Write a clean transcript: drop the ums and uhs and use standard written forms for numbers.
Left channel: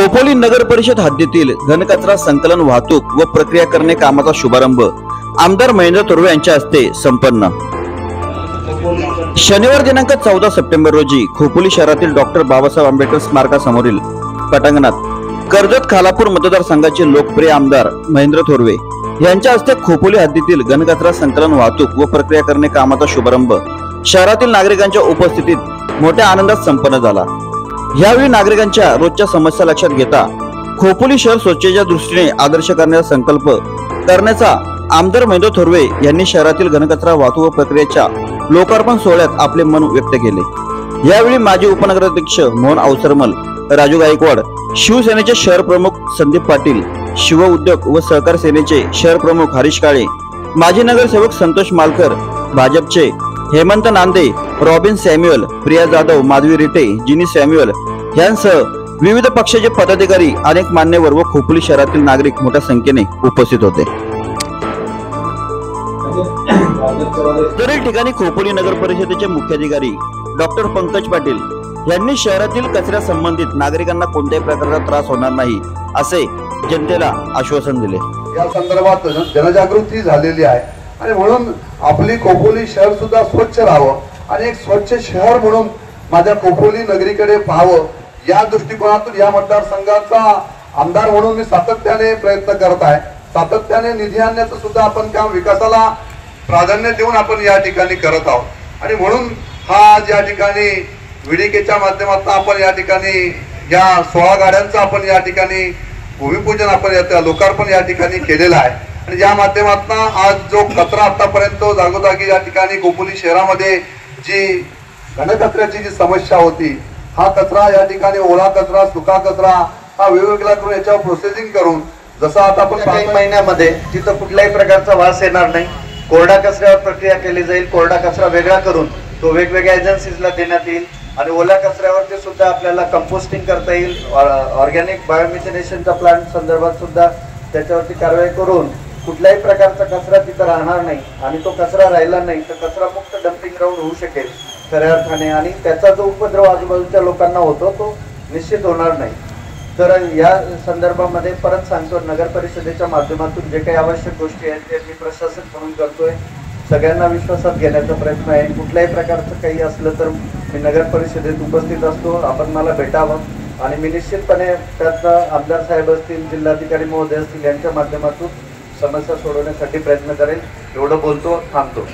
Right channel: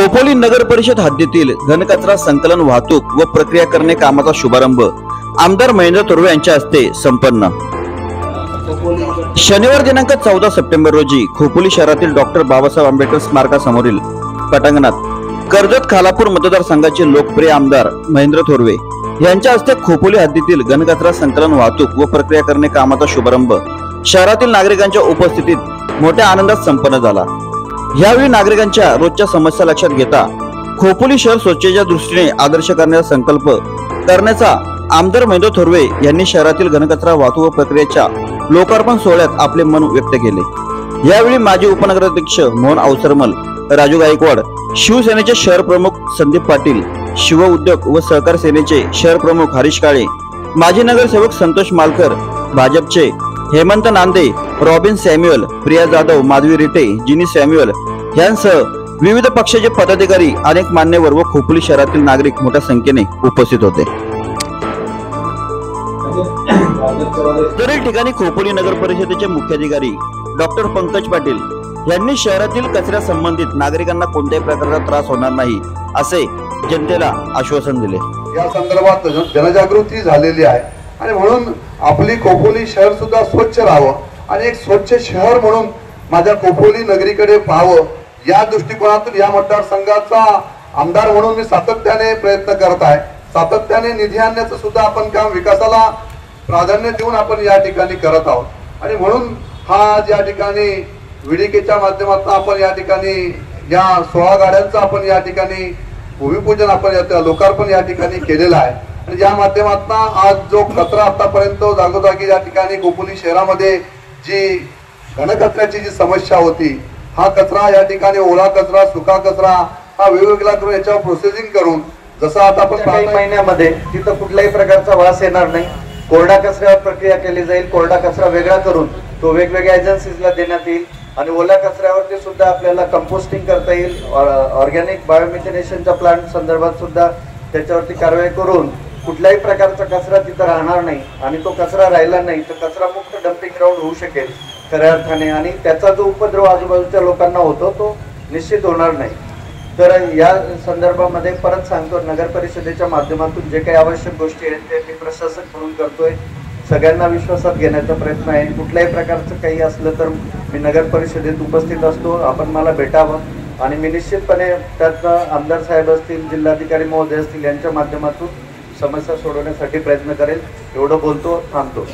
खोपोली नगर परिषद हद्दीतील घनकचरा संकलन वाहतूक व प्रक्रिया करणे कामाचा शुभारंभ आमदार महेंद्र थोरवे यांच्या हस्ते संपन्न। शनिवार दिनांक 14 सप्टेंबर रोजी खोपोली शहरातील डॉक्टर बाबासाहेब आंबेडकर स्मारकासमोरील पटांगणात कर्जत खालापूर मतदारसंघाचे लोकप्रिय आमदार महेंद्र थोरवे यांच्या हस्ते खोपोली हद्दीतील घनकचरा संकलन वाहतूक व प्रक्रिया करणे कामाचा शुभारंभ शहरातील नागरिकांच्या उपस्थितीत मोठ्या आनंदात संपन्न झाला। यावेळी नागरिकांच्या रोजच्या समस्या लक्षात घेता खोपोली शहर स्वच्छतेच्या दृष्टीने आदर्श करण्याचा संकल्प करण्याचा आमदार महेंद्र थोरवे यांनी शहरातील घनकचरा वाहतूक व प्रक्रियेच्या लोकार्पण सोहळ्यात आपले मन व्यक्त केले। यावेळी माजी उपनगराध्यक्ष मोहन अवसरमल, राजू गायकवाड, शिवसेनेचे शहर प्रमुख संदीप पाटील, शिव उद्योग व सहकार सेनेचे शहर प्रमुख हरीश काळे, माजी नगरसेवक संतोष मालकर, भाजपचे हेमंत नांदे, रॉबिन सॅम्युअल, प्रिया जाधव, माधवी रिटे, जिनी सॅम्युअल यांसह विविध पक्षाचे पदाधिकारी, अनेक मान्यवर व खोपोली शहरातील नागरिक मोठ्या संख्येने उपस्थित होते। तर ठिकाणी खोपोली नगर परिषदेचे मुख्याधिकारी डॉक्टर पंकज पाटील यांनी शहरातील कचऱ्या संबंधित नागरिकांना कोणत्याही प्रकारचा त्रास होणार नाही असे जनतेला आश्वासन दिले। या संदर्भात जनजागृती झालेली आहे आणि म्हणून आपली खोपोली शहर सुद्धा स्वच्छ राहावं आणि एक स्वच्छ शहर म्हणून माझ्या खोपोली नगरीकडे पाहावं या दृष्टिकोनातून या मतदारसंघाचा आमदार म्हणून मी सातत्याने प्रयत्न करत आहे। सातत्याने निधी आणण्याचं सुद्धा आपण काम विकासाला प्राधान्य देऊन आपण या ठिकाणी करत आहोत आणि म्हणून हा ज्या ठिकाणी विडीकेच्या माध्यमातून आपण या ठिकाणी या 16 गाड्यांचं आपण या ठिकाणी भूमिपूजन आपण लोकार्पण या ठिकाणी केलेलं आहे आणि या माध्यमातून आज जो कचरा आतापर्यंत जागोजागी या ठिकाणी खोपोली शहरामध्ये जी घनकचऱ्याची जी समस्या होती, हा कचरा या ठिकाणी ओला कचरा, सुका कचरा हा वेगवेगळा करून याच्यावर प्रोसेसिंग करून जसं आता आपण काही महिन्यामध्ये तिथं कुठल्याही प्रकारचा वास येणार नाही, कोरडा कचऱ्यावर प्रक्रिया केली जाईल। कोरडा कचरा वेगळा करून तो वेगवेगळ्या एजन्सीजला देण्यात येईल आणि ओल्या कचऱ्यावरती सुद्धा आपल्याला कंपोस्टिंग करता येईल। ऑर्गॅनिक बायोमिथेनेशनच्या प्लांट संदर्भात सुद्धा त्याच्यावरती कारवाई करून कुठल्याही प्रकारचा कचरा तिथं राहणार नाही आणि तो कचरा राहिला नाही तर कचरा मुक्त डम्पिंग ग्राउंड होऊ शकेल खऱ्या अर्थाने आणि त्याचा जो उपद्रव आजूबाजूच्या लोकांना होतो तो निश्चित होणार नाही। तर या संदर्भामध्ये परत सांगतो, नगर परिषदेच्या माध्यमातून जे काही आवश्यक गोष्टी आहेत ते मी प्रशासक म्हणून करतोय, सगळ्यांना विश्वासात घेण्याचा प्रयत्न आहे। कुठल्याही प्रकारचं काही असलं तर मी नगर परिषदेत उपस्थित असतो, आपण मला भेटावं आणि मी निश्चितपणे त्यातनं आमदार साहेब असतील, जिल्हाधिकारी महोदय असतील यांच्या माध्यमातून समस्या सोडवण्यासाठी प्रयत्न करेल। एवढं बोलतो, थांबतो।